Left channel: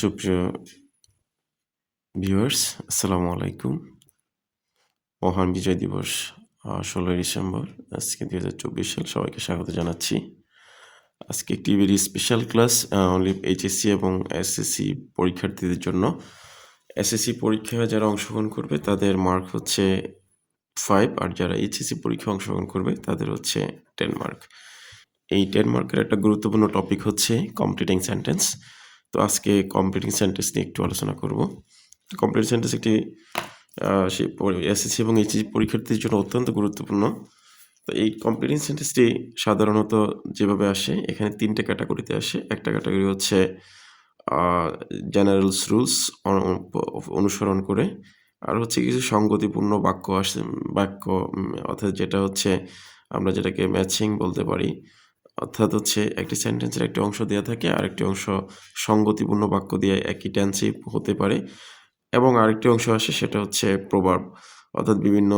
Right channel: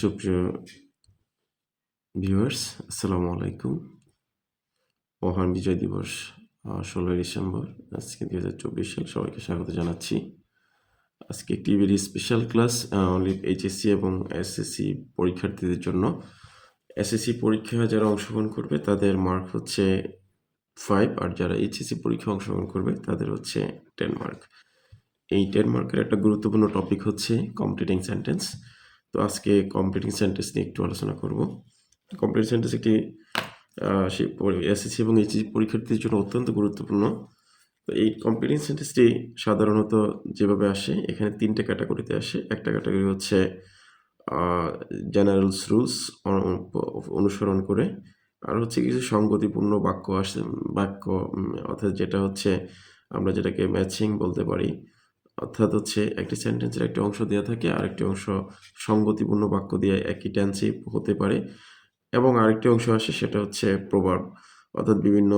সুপ্রিয় ভিউয়ার্স, আসসালামু আলাইকুম। মহান বিজয় দিবস ১৬ই ডিসেম্বর, আজকে ২০২৪ সাল। সবাইকে স্বাগত জানাচ্ছি। আজকে একটি very special class only HSC এবং এসএসসি পরীক্ষার্থীদের জন্য। এসএসসি পরীক্ষায় যারা অংশগ্রহণ করবে তাদের মার্ক হচ্ছে 5, আর যারা এইচএসসি পরীক্ষায় অংশগ্রহণ করবে তাদের হচ্ছে 10 মার্ক। এই 10 মার্কের একটা গুরুত্বপূর্ণ টপিক হচ্ছে কমপ্লিটিং সেন্টেন্স। তো আজকে কমপ্লিটিং সেন্টেন্স নিয়ে একটু আলোচনা করব। কমপ্লিট সেন্টেন্স একটি এসএসসি এবং এইচএসসি পরীক্ষার্থীদের জন্য অত্যন্ত গুরুত্বপূর্ণ। তো এই কমপ্লিটিং সেন্টেন্সটি সাধারণত যেভাবে আসে, এখানে 3টে ক্যাটাগরিতে আসে। একটা ক্যাটাগরি হচ্ছে জেনারেলস রুলস অনুসরণ করে, আর হচ্ছে কিছু সঙ্গতিপূর্ণ বাক্য অর্থাৎ যেটা হচ্ছে আমরা যেটাকে ম্যাচিং বলতে পারি। অর্থাৎ হচ্ছে একটি সেন্টেন্সের একটি অংশ দেওয়া থাকে, আরেকটি অংশ সঙ্গতিপূর্ণ বাক্য দিয়ে একই টেন্সে হতে পারে, এবং আরেকটি অংশ আসে সেটা হচ্ছে প্রভাব, অর্থাৎ বিভিন্ন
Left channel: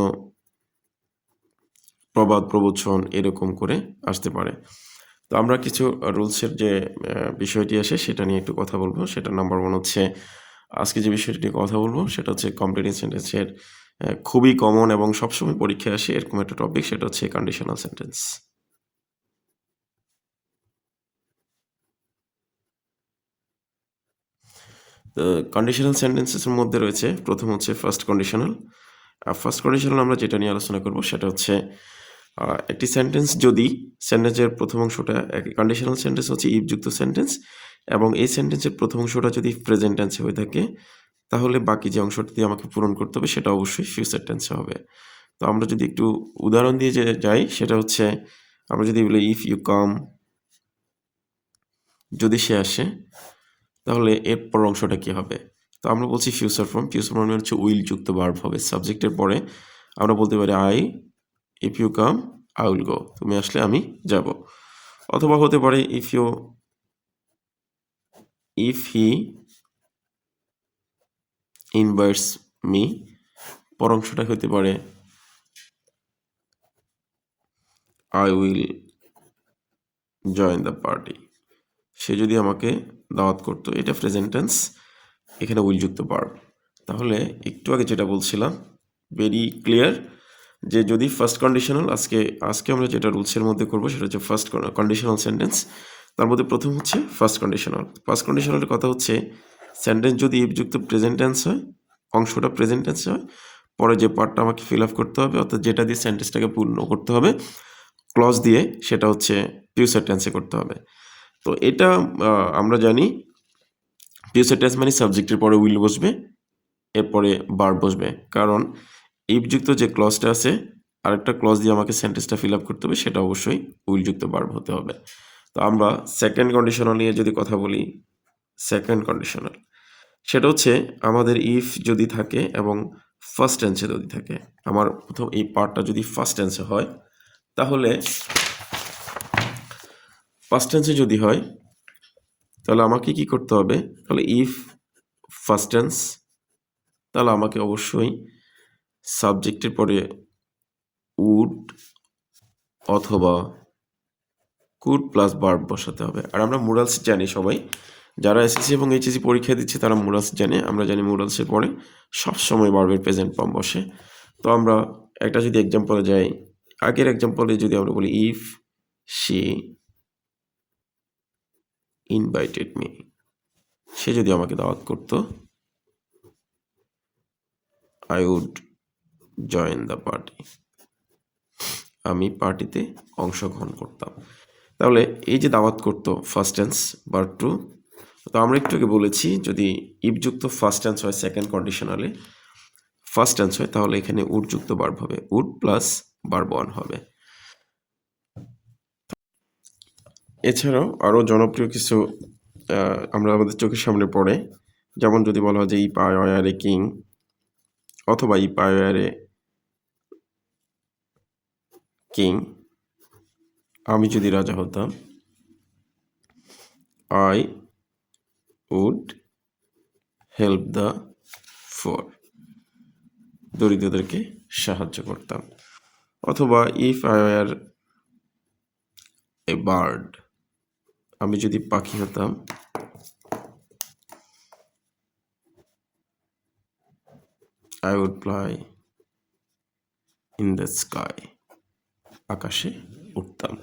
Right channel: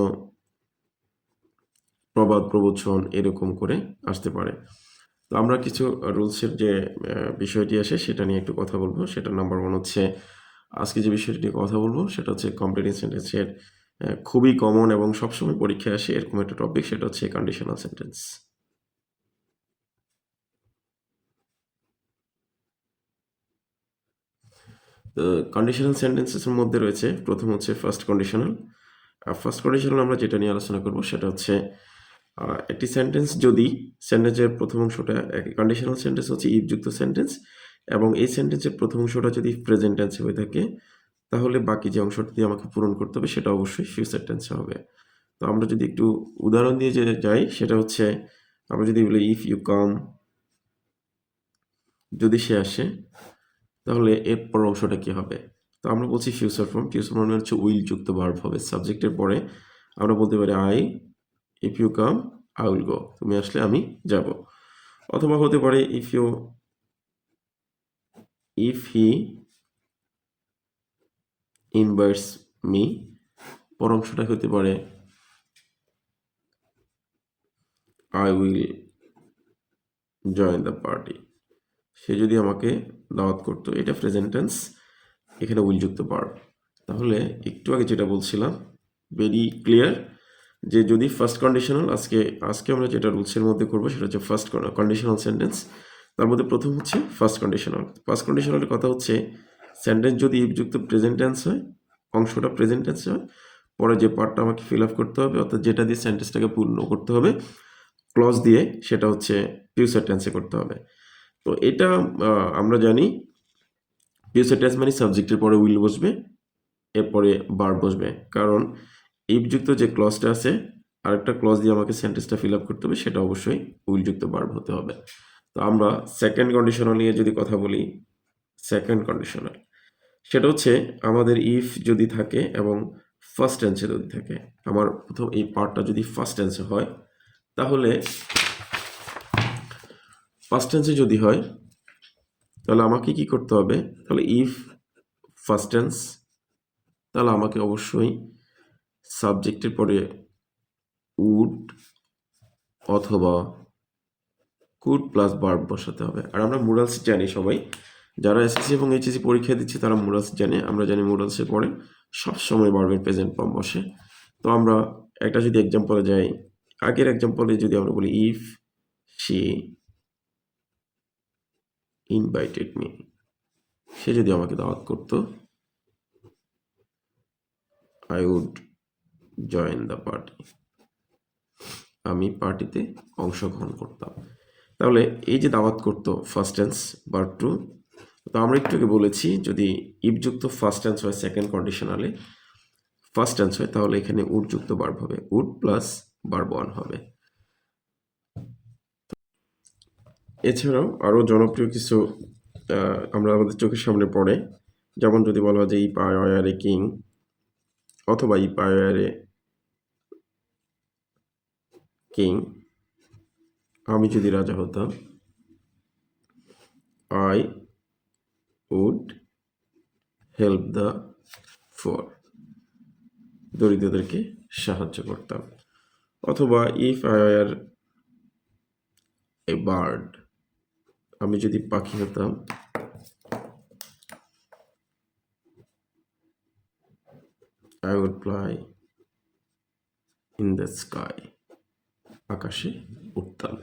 প্রবাদ প্রবচন এরকম করে আসতে পারে। তো আমরা কিছু রুলসের যে বিষয়টি আসে সেটা নিয়ে একটু কথা বলবো। সেটা নাম্বার 1 হচ্ছে, আজকে যে বিষয়টি নিয়ে কথা বলবো সেটা হচ্ছে কমপ্লিটিং সেন্টেন্সের খুবই কমন এবং সবসময় পরীক্ষায় আসে এরকম একটা টপিক, সেটা হচ্ছে কন্ডিশনাল সেন্টেন্স। কন্ডিশনাল সেন্টেন্সেসের মধ্যে রয়েছে, প্রথম হচ্ছে ফার্স্ট কন্ডিশনাল। আর ফার্স্ট কন্ডিশনাল আমরা যেটা নিয়ে আলোচনা করব সেটা হচ্ছে একটি সেন্টেন্স যদি সেন্টেন্সের প্রথম অংশটা, কন্ডিশনাল সেন্টেন্স হচ্ছে ইফযুক্ত সেন্টেন্স, এবং এই সেন্টেন্সের প্রথম অংশটা যদি প্রেজেন্ট টেন্সে হয়ে থাকে তাহলে বাকি যে অংশটি দিয়ে আমাকে পূরণ করতে হবে সেটা অবশ্যই ফিউচার টেন্সে হবে। তো আমরা যদি একটু উদাহরণ দিয়ে যাই, সেটা হচ্ছে আমরা যদি বলি ইফ ইউ কাম, যদি সে আসে, তাহলে এর পর অংশটা কি হবে? তো আমরা বলছি ফিউচার ফর্ম। ফিউচার ফর্ম হচ্ছে উইল যুক্ত ভার্ব হবে। সাবজেক্টের পরে আমরা বলতে পারি if you come I will go, তুমি আসলে আমি যাব। অথবা হতে পারে ইফ হি ইনভাইটস মি, পর অংশটা হতে পারে I will join the party, সে যদি আমাকে দাওয়াত করতো। এটা প্রেজেন্ট টেন্স, এখানে উইল যুক্ত ভার্ব। তাহলে একটু আগে যেটা বলছিলাম ভেরি ক্লিয়ার, যে যদি ফার্স্ট কন্ডিশনাল, আজকে আমরা যেটা রুলসের মধ্যে করবো সেটা হচ্ছে ফার্স্ট কন্ডিশনাল সেন্টেন্স। তার মধ্যে প্রথম হচ্ছে ফার্স্ট কন্ডিশনাল। ফার্স্ট কন্ডিশনালের কথা হচ্ছে সেন্টেন্স যদি ইফযুক্ত প্রেজেন্ট টেন্স হয়, অংশটা প্রেজেন্ট টেন্স হয়, পরে যে পার্টটা আমাকে ফিল আপ করতে হবে, অর্থাৎ যেটা দিয়ে সেন্টেন্সটাকে পূর্ণ করতে হবে ক্লজ দিয়ে, সেটা হচ্ছে ফিউচার টেন্সে করতে হবে। তো এটা আমরা জানি ফিউচার টেন্স মানে সাবজেক্টের পরে উইল বসবে, এরপরে ভার্ব বসবে, কারণ ইফযুক্ত যে ক্লজটা আছে আরেকটা ক্লজ দিয়ে আমাকে সেন্টেন্সটা ফিল আপ করতে হবে, সেটা অবশ্যই উইলযুক্ত ভার্ব হতে হবে। তো আমরা সেকেন্ড কন্ডিশনাল নিয়ে যদি কথা বলি, সেকেন্ড কন্ডিশনাল সেটা হচ্ছে আমাদের ইফ যদি থাকে এবং ফার্স্ট টেন্সে যদি থাকে। আমার প্রথম এই পার্টটা যদি ফার্স্ট টেন্সে হয়, তাহলে ফার্স্ট টেন্সে যদি হয় তাহলে আমাকে কি করতে হবে? তাহলে ইফ ফার্স্ট টেন্স, তাহলে আমাকে অবশ্যই সাবজেক্টের পরে উড অথবা কুড প্লাস ভার্ব বসাতে হবে। আর আমরা মোরালস জানি সবাই, যারা এসএসসি এবং এইচএসসি পরীক্ষা দিচ্ছে তারা মোরালস জানে। আমরা জানি মোরালসের পরে সবসময় ভার্বের প্রেজেন্ট ফর্ম বসে। তো আমরা একটা যদি এক্সাম্পলে যাই, আগের এক্সাম্পলে যদি আমরা বলি ইফ শি ইনভাইটেড মি, সে যদি আমাকে দাওয়াত করতো, I would join the party, আমি পার্টিতে অংশগ্রহণ করতাম। তাহলে এই যে দাওয়াত করতো ফার্স্ট টেন্স ভার্ব টু। তো আমরা একটু আগে বলেছি যদি ইফযুক্ত ফার্স্ট টেন্স হয় সেকেন্ড কন্ডিশনালে, ফার্স্ট টেন্স হয়, তাহলে এখানে উড যুক্ত ভার্ব হবে, উড প্লাস ভার্ব ওয়ান হবে। এছাড়াও আরও জনপ্রিয় কিছু আমরা আমাদের চোখের সামনে পড়ে, যেমন যদি বলা হয় যে ইপ আই আর এ কিং, অথবা ইপ আই আর এ কিং, আমি যদি রাজা হতাম, I would help the poor, দরিদ্রদেরকে সাহায্য করতাম। অথবা if I are a bird, আমি যদি পাখি হতাম, I would fly in the sky, আকাশে উঠতাম।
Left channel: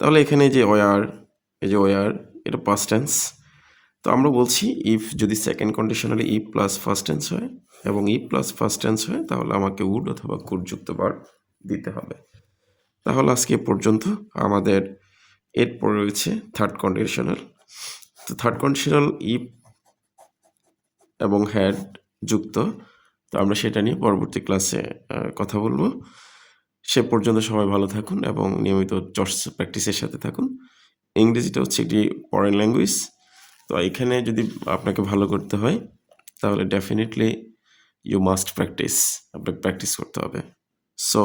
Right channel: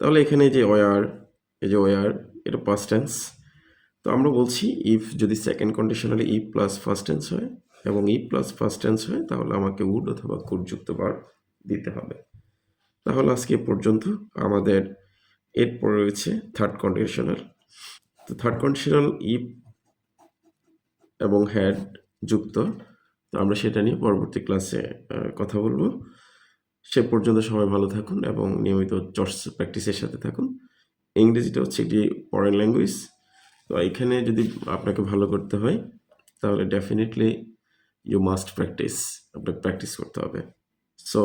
তাহলে এখানে যে ওয়ার, এই যে ওয়ার, এটা পাস্ট টেন্স। তো আমরা বলছি ইফ যদি সেকেন্ড কন্ডিশনালে ইফ প্লাস ফার্স্ট টেন্স হয় এবং ইফ প্লাস ফার্স্ট টেন্স হয় তাহলে আমাকে উড অথবা কুড যুক্ত ভার্ব দিতে হবে। তাহলে আজকে পর্যন্ত আমাদের এরপর রয়েছে থার্ড কন্ডিশনাল। তো থার্ড কন্ডিশনাল ইফ এবং হ্যাড যুক্ত, তো আমরা সেটা নিয়ে পরবর্তী ক্লাসে কথা বলবো। সে পর্যন্ত সবাই ভালো থাকুন এবং নিয়মিত চর্চা প্র্যাকটিসের সাথে থাকুন। ইংরেজিটা হচ্ছে একটি ফরেন ল্যাঙ্গুয়েজ, তো এখানে যদি আপনাকে ভালো করতে হয় তাহলে ডেফিনেটলি ইউ মাস্ট প্র্যাকটিস, আপনাকে প্র্যাকটিস করতে হবে। সো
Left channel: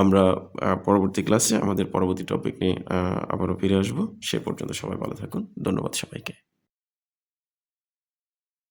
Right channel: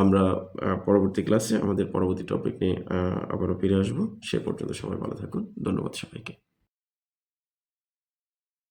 আমরা পরবর্তী ক্লাসে আমাদের পরবর্তী টপিক নিয়ে আবারও ফিরে আসবো। সে পর্যন্ত সবাই ভালো থাকুন। ধন্যবাদ সবাইকে।